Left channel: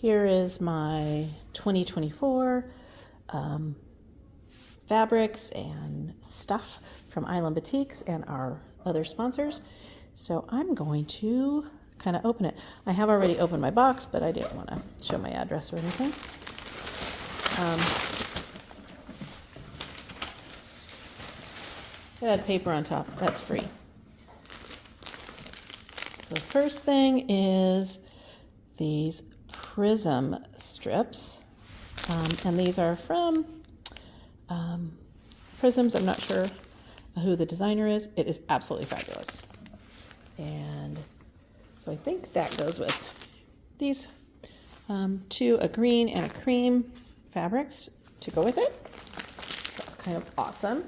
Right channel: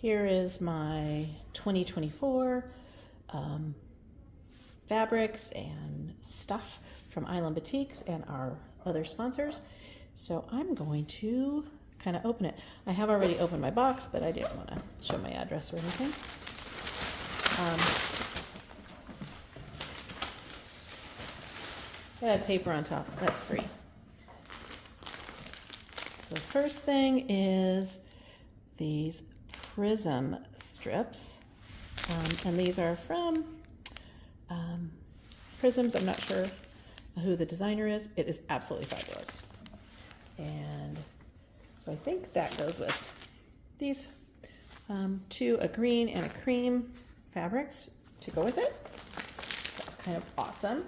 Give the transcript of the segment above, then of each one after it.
Here is my 2024 fabrics and stuff from Island Batiks and our other sponsors. So I'm going to kind of open it. I have already opened my box, but I didn't want to show my address or anything. It had paper on top. That's free. The first thing is these prism strips, and these are from Prisms. I'm not sure who the designer is. It is absolutely fabulous. And so I think that goes with these two, a green and a cream fabrics to go with it. That's kind of awesome.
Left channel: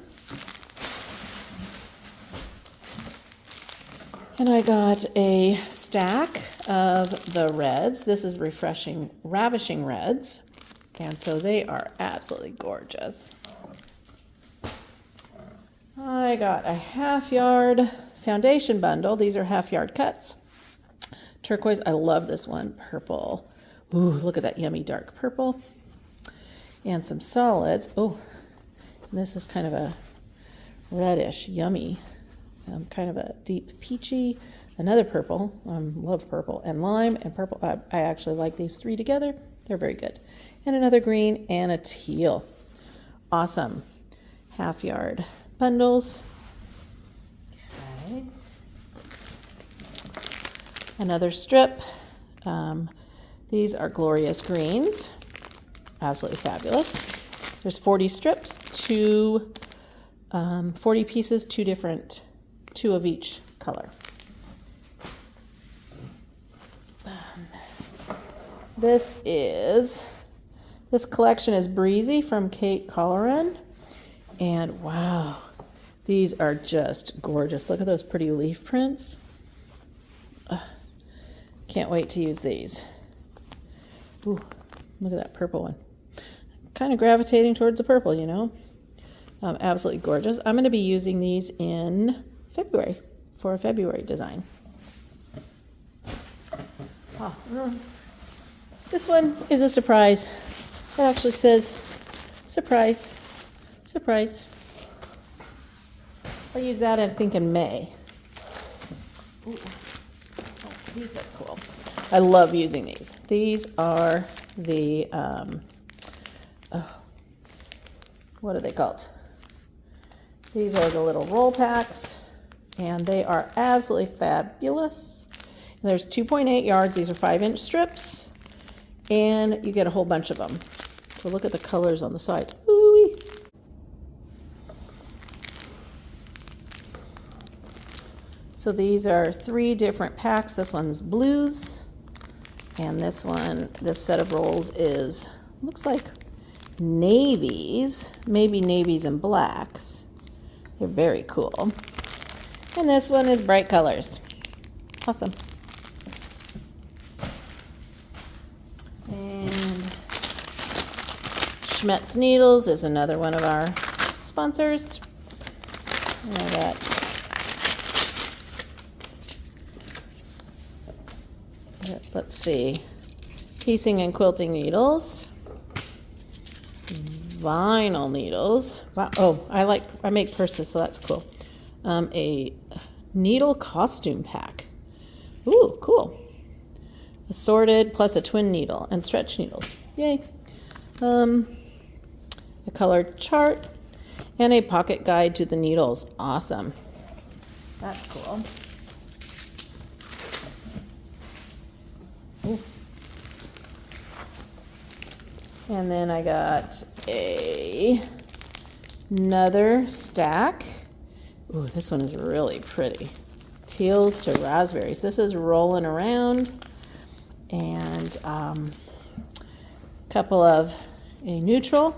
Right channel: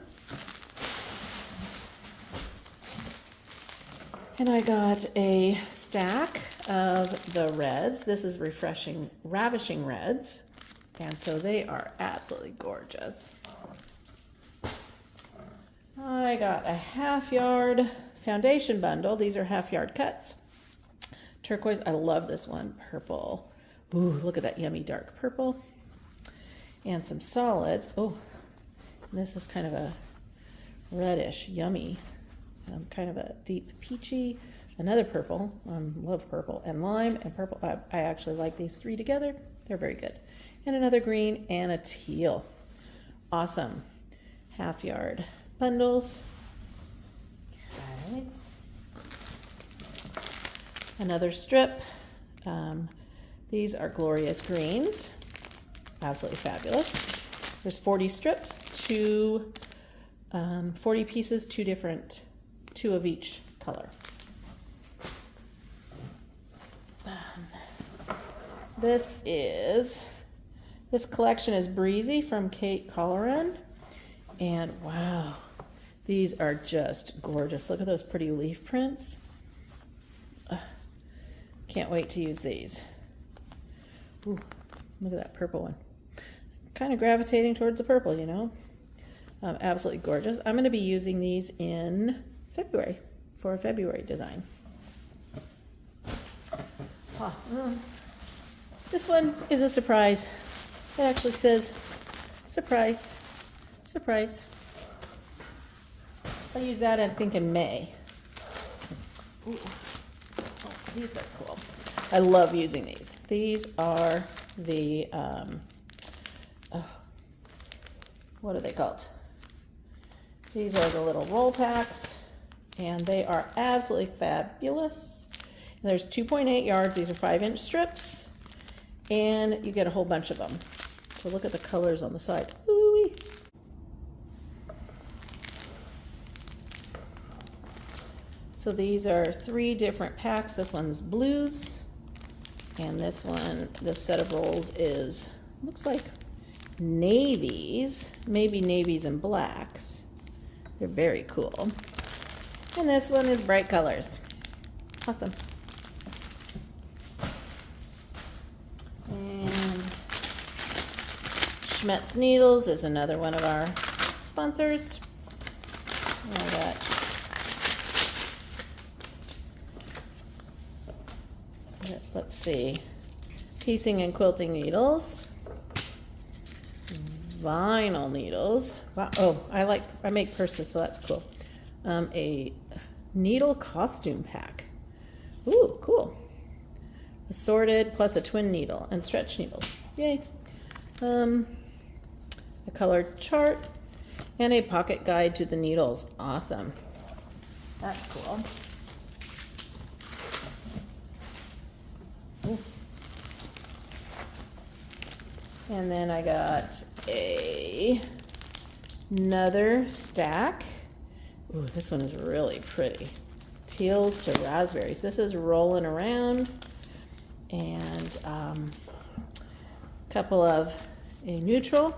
And I got a stack of the reds. This is Ravishing Reds. And so they are absolutely gorgeous. I got a half-yard foundation bundle. These are half-yard cuts. Turquoise, I love this one. Purple. Ooh, look at that yummy dark purple. And some solids. Oh, this is kind of a reddish, yummy. Kind of a deep peachy, another purple, love purple, and lime and purple. I actually like these three together. They're very good. And another green and a teal. Awesome. Half-yard bundles. Okay. Another strip. These are glorious greens. Absolutely fabulous. There's 40 strips, 40 pieces, two of each color. This collection is Breezy from Kate Colleran, and wow, these are just gorgeous. Look at those pretty leaf prints. Can't wait to use these. Ooh, look at that purple one. Kind of gravitating towards the purple, you know. Absolutely gorgeous. I'm going to be using these in February for a February design. This one is a surprise. It actually says surprise, surprise. I'll use that, I think, in May. Ooh. Oh, these are cool. I love using these. These are the what are they called? These are the little roll packs, and they are absolutely fabulous. And there's 2.8 yards. These are 5-inch strips, and you get a whole bunch of them. So look at the colors on the sides. Ooh-wee. So these are 3 different packs. This one's blues, and this set of rolls is, looks like navies, maybe navies and blacks. They're very cool. And this one is bright colors. Awesome. And Schmetz Needles is another one of our sponsors. And I got let's see, piecing and quilting needles, vinyl needles. Wow. Oh, I make purses, so that's cool. A needle costume pack. Ooh, cool. Assorted plus a twin needle and stretch needles. Yay. A colored chart and a pocket guide to the needles. Awesome. That's cool. Ooh. And then I got another stack. Ooh, this one is really pretty. Teals to raspberries. This is rolling around. And a couple of a neutral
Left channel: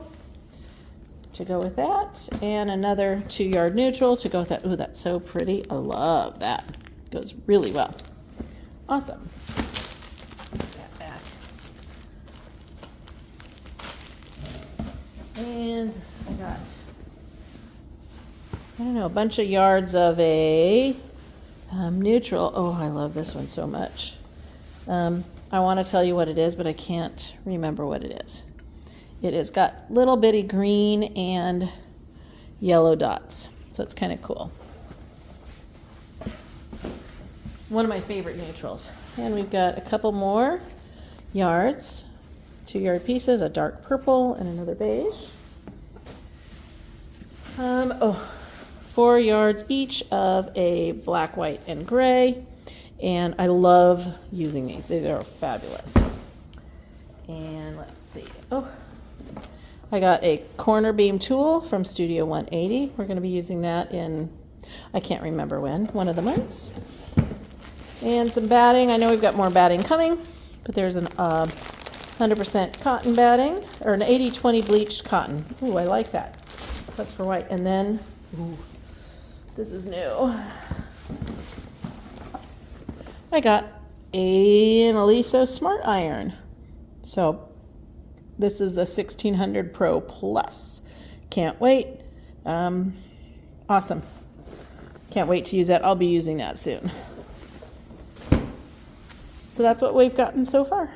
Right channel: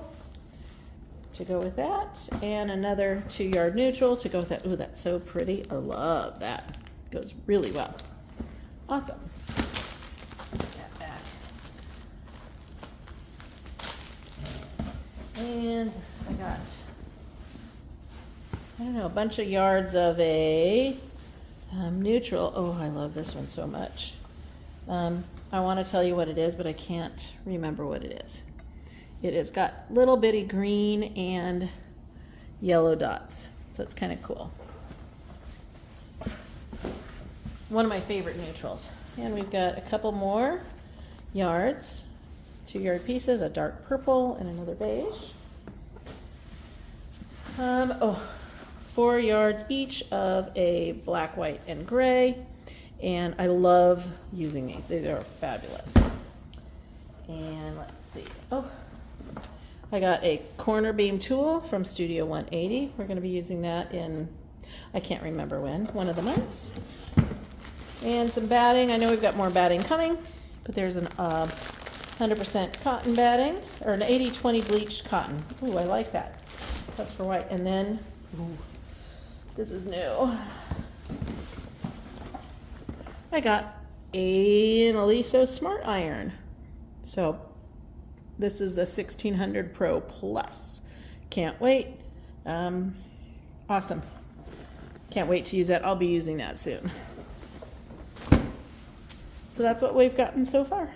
to go with that. And another 2-yard neutral to go with that. Ooh, that's so pretty. I love that. Goes really well. Awesome. And I got, I don't know, a bunch of yards of a neutral. Oh, I love this one so much. I want to tell you what it is, but I can't remember what it is. It has got little bitty green and yellow dots, so it's kind of cool. One of my favorite neutrals. And we've got a couple more yards, 2-yard pieces, a dark purple and another beige. 4 yards each of a black, white, and gray. And I love using these. They are fabulous. And let's see. Oh, I got a corner beam tool from Studio 180. We're going to be using that in, I can't remember when, one of the months. And some batting. I know we've got more batting coming, but there's an 100% cotton batting, or an 80-20 bleached cotton. Ooh, I like that. That's for white. And then, ooh, this is new. I got an Aliso Smart Iron. So this is the 1600 Pro Plus. Can't wait. Awesome. Can't wait to use that. I'll be using that soon. So that's what we've gotten so far.